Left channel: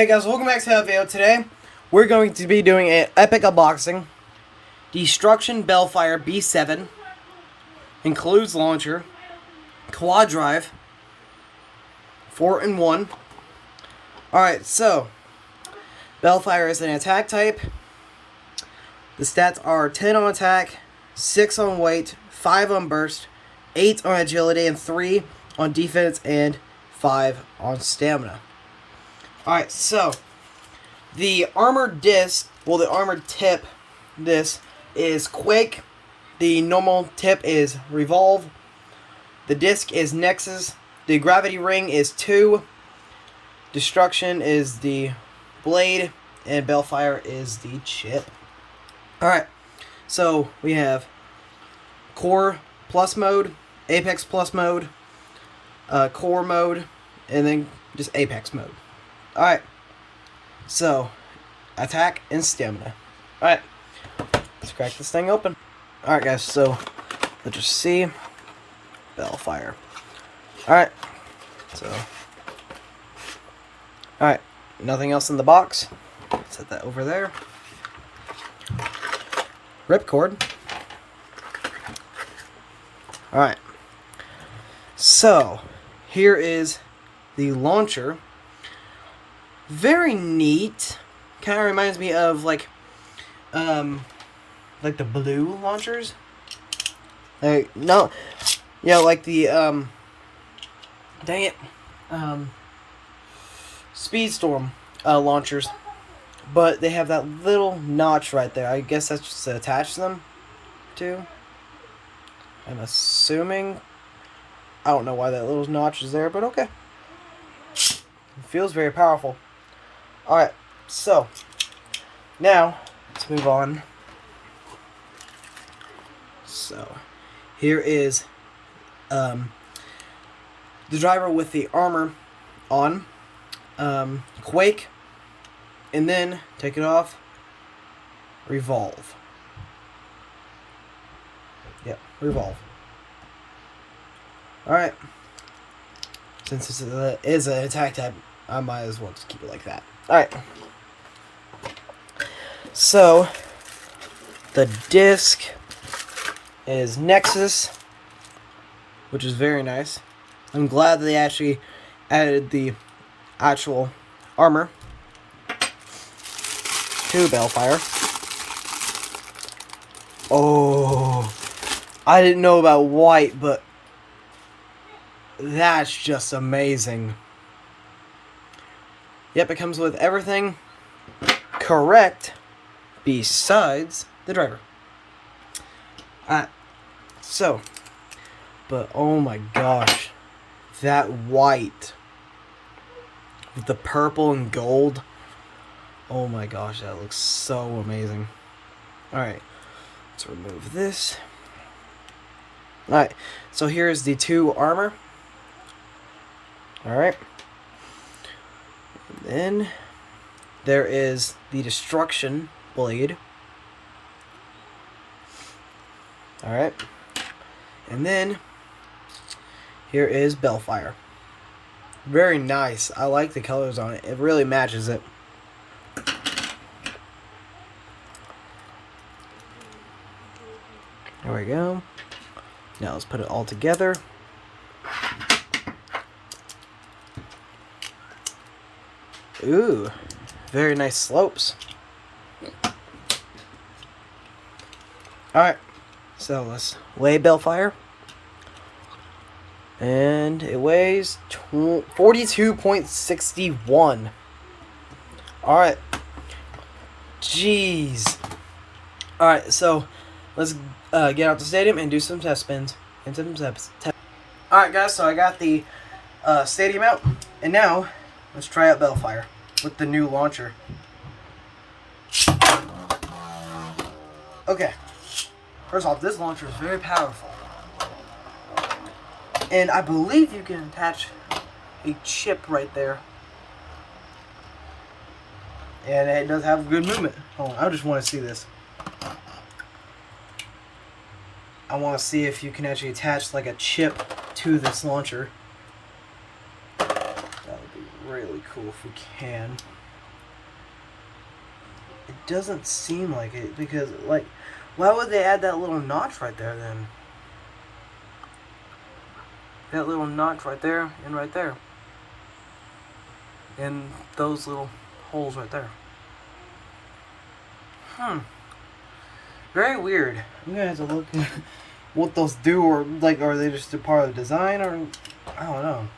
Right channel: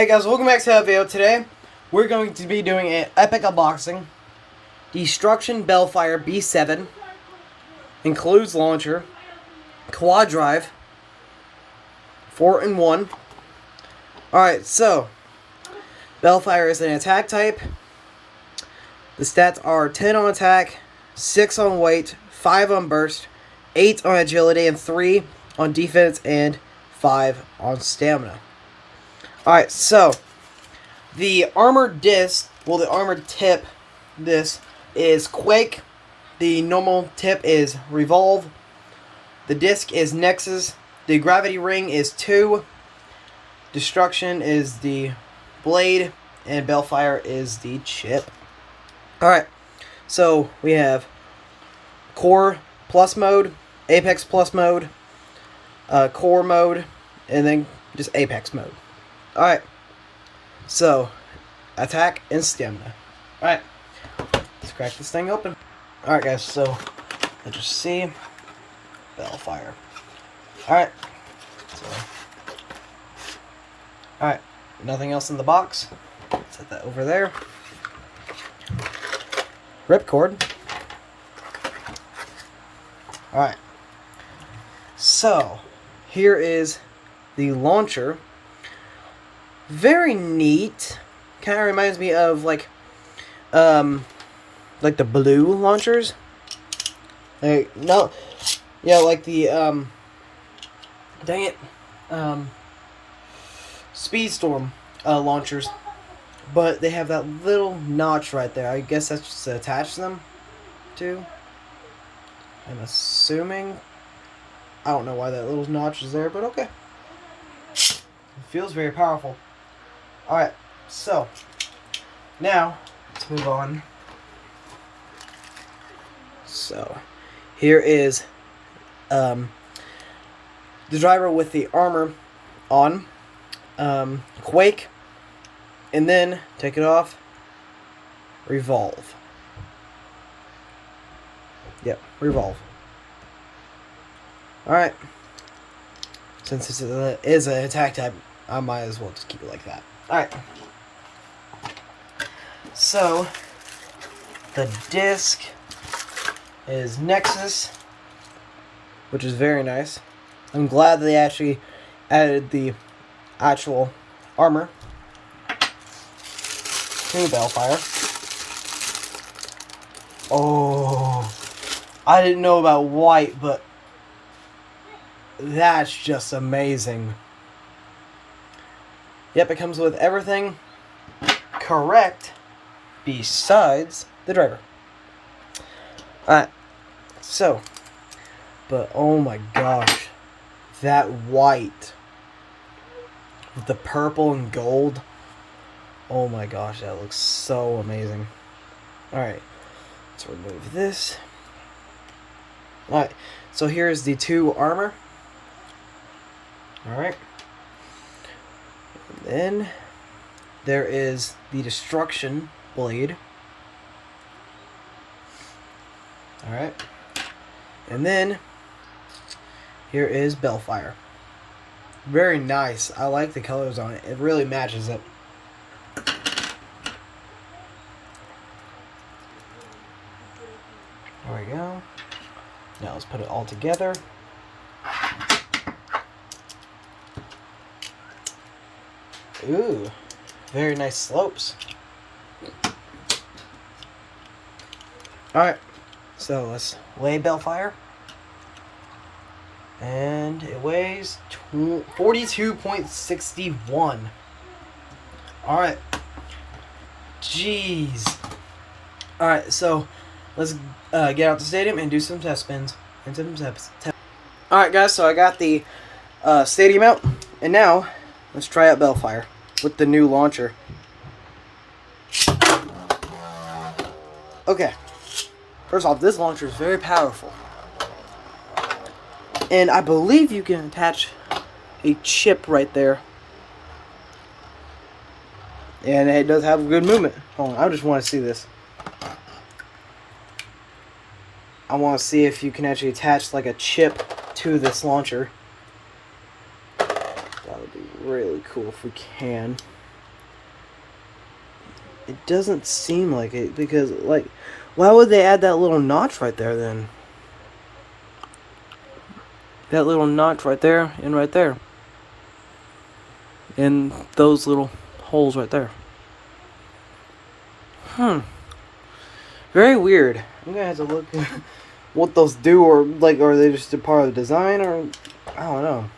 Hey guys, welcome back to that video. Today, we're going to be doing an epic unboxing. Destruction Belfyre B7. Includes launcher, quad drive, 4-in-1. Alright, so, Belfyre is an attack type. The stats are 10 on attack, 6 on weight, 5 on burst, 8 on agility, and 3 on defense, and 5 on stamina. Alright, so, the armored disc, well, the armored tip, this is Quake. The normal tip is Revolve. The disc is Nexus. The gravity ring is 2. Destruction is the blade. And Belfyre is the chip. Alright, so we have Core Plus mode, Apex Plus mode, Core mode, and then just Apex mode. Alright, so, attack and stamina. Alright, let's crack this thing open. Alright guys, so, let's just see. Belfyre. Alright, so. Alright, nothing else in the box. Set that over there. Ripcord. Alright, so, here is the launcher. Very neat. Kind of reminds me of like the blue launchers. Like no, yeah, like the dang it, Speedstorm launchers, but they have that little notch right there. I guess that's just to attach them to. I'm assuming. I don't know why that little notch is there, but okay. It feels very powerful. Alright, so, now, let's move on. So, here is the driver with the armor on, Quake, and then, take it off, Revolve. Yep, Revolve. Alright, since this is an attack type, I might as well just keep it like that. Alright, so, the disc is Nexus, which is very nice. I'm glad that they actually added the actual armor to Belfyre. Oh, I didn't know about white, but that's just amazing. Yep, it comes with everything correct besides the driver. Alright, so, but oh my gosh, that white with the purple and gold, oh my gosh, that looks so amazing. Alright, let's remove this. Alright, so here's the 2 armor. Alright. And then there is the Destruction blade. Alright. And then here is Belfyre. Very nice. I like the colors on it. It really matches it. There we go. Now let's put it all together. Ooh, very nice slopes. Alright, so let's weigh Belfyre. And it weighs 42.61. Alright. Jeez. Alright, so let's get out the stadium and do some test spins. Alright guys, so I got the stadium out. And now, let's try out Belfyre with the new launcher. Okay. First off, this launcher is very powerful. And I believe you can attach a chip right there. And it does have good movement. Hold on, I just want to see this. I want to see if you can actually attach like a chip to this launcher. That would be really cool if we can. It doesn't seem like it because, like, why would they add that little notch right there then? That little notch right there and right there. And those little holes right there. Very weird. I'm gonna have to look what those do, or like, are they just a part of the design, or I don't know.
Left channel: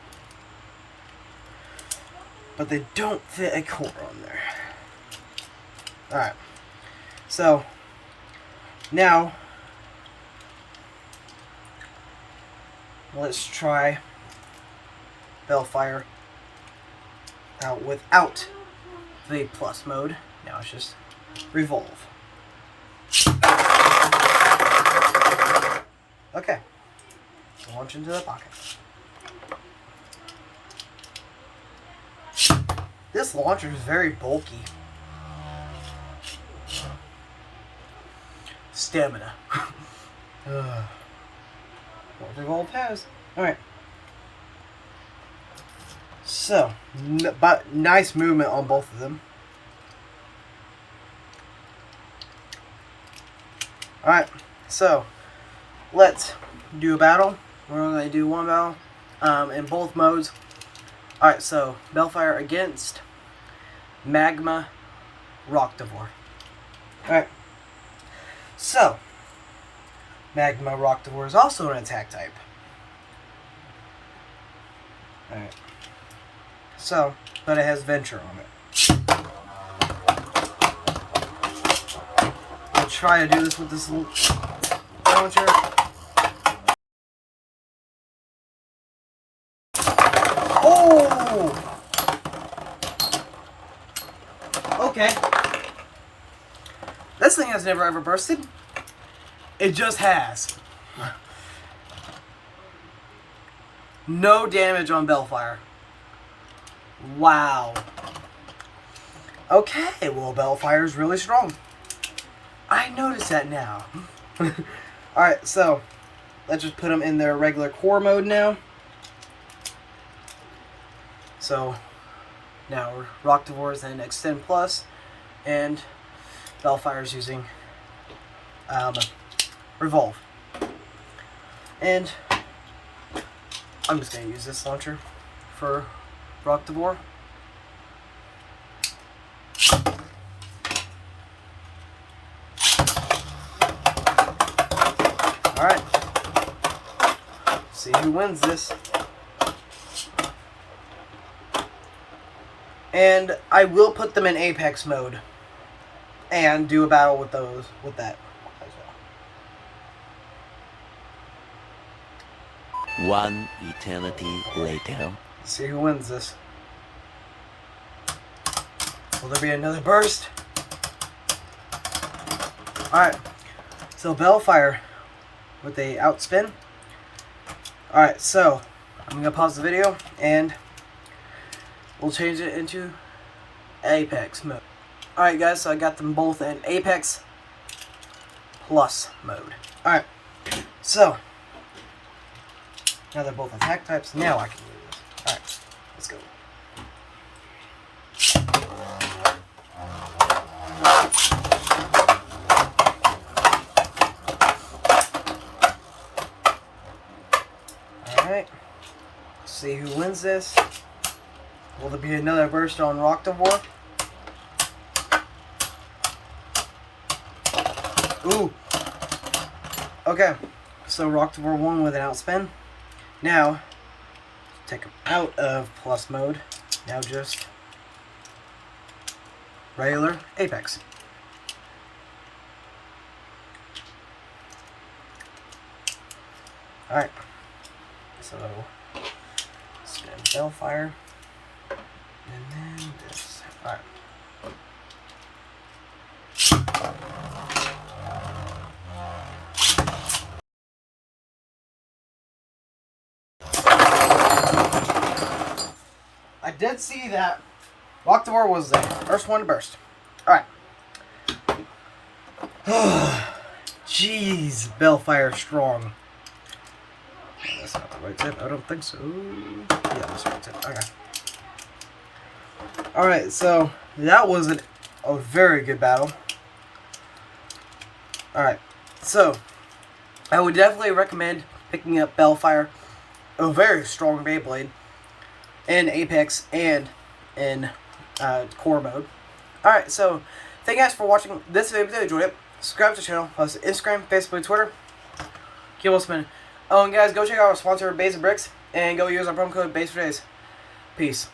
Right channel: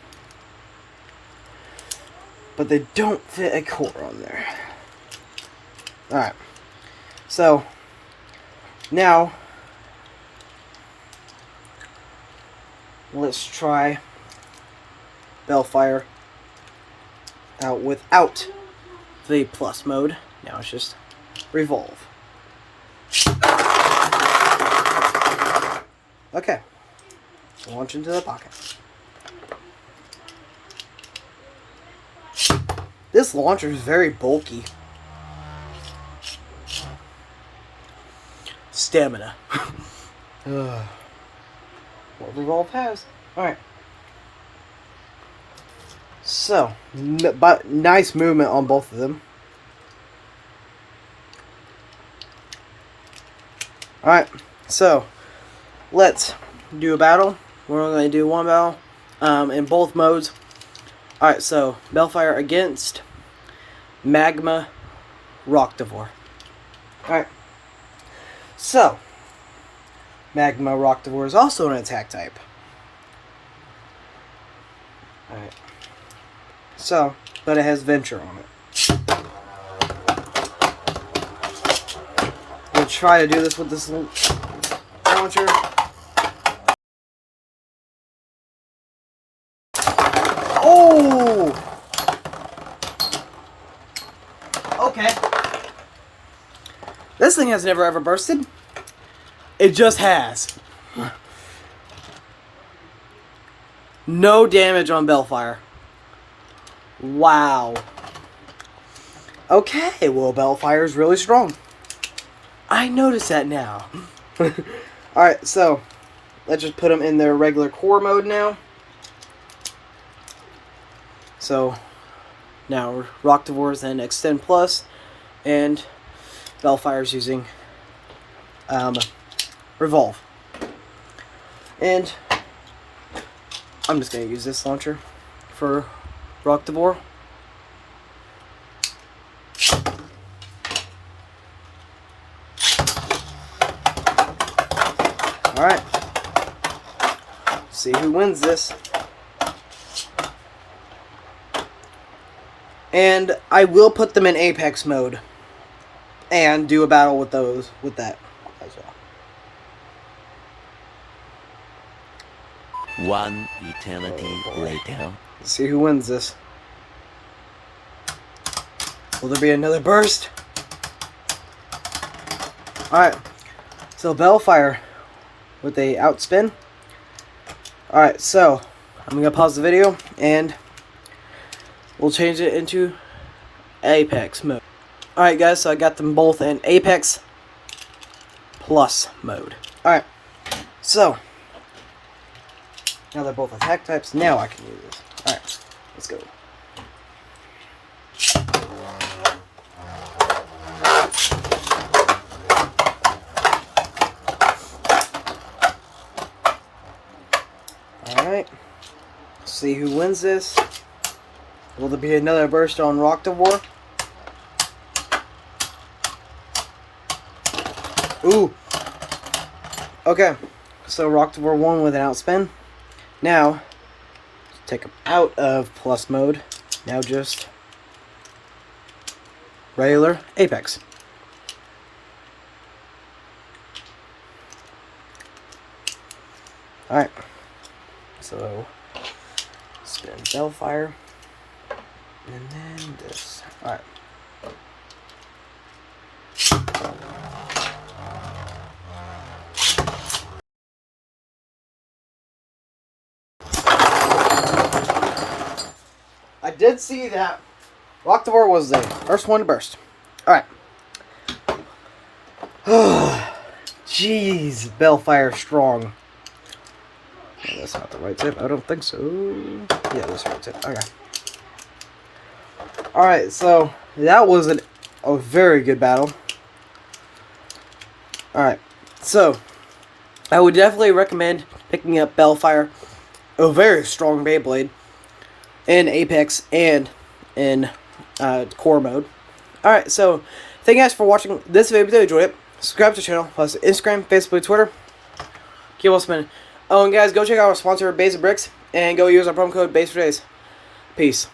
But they don't fit a core on there. Alright. So, now, let's try Belfyre out without the plus mode. Now it's just revolve. Okay. Launch into the pocket. This launcher is very bulky. Stamina. What Revolve has. Alright. So, but nice movement on both of them. Alright, so let's do a battle. We're only going to do one battle in both modes. Alright, so Belfyre against Magma Rocktivore. Alright, so Magma Rocktivore is also an attack type. Alright, so, but it has Venture on it. We'll try to do this with this launcher. Oh! Okay. This thing has never ever bursted. It just has. No damage on Belfyre. Wow. Okay, well, Belfyre is really strong. I notice that now. Alright, so let's just put them in their regular core mode now. So now Rocktivore's in Extend Plus, and Belfyre's using Revolve. And I'm just going to use this launcher for Rocktivore. Alright. See who wins this. And I will put them in Apex mode and do a battle with those, with that as well. One eternity later. Let's see who wins this. Will there be another burst? Alright. So Belfyre with a outspin. Alright, so I'm going to pause the video and we'll change it into Apex mode. Alright guys, so I got them both in Apex Plus mode. Alright, so now they're both attack types. Now I can use this. Alright, let's go. Alright, see who wins this. Will there be another burst on Rocktivore? Ooh. Okay. So Rocktivore won with an outspin. Now, take him out of plus mode. Now just regular Apex. Alright. So, spin Belfyre. And then this. Alright. I did see that Rocktivore was the first one to burst. Alright. Jeez, Belfyre strong. Oh, that's not the right tip. I don't think so. Yeah, that's the right tip. Okay. Alright, so that was an a very good battle. Alright, so I would definitely recommend picking up Belfyre, a very strong Beyblade, in Apex and in core mode. Alright, so thank you guys for watching this video. If you enjoyed it, subscribe to the channel, plus Instagram, Facebook, Twitter. Keep on spinning. And guys, go check out our sponsor, Basic Bricks, and go use our promo code BASE4DAYS. Peace.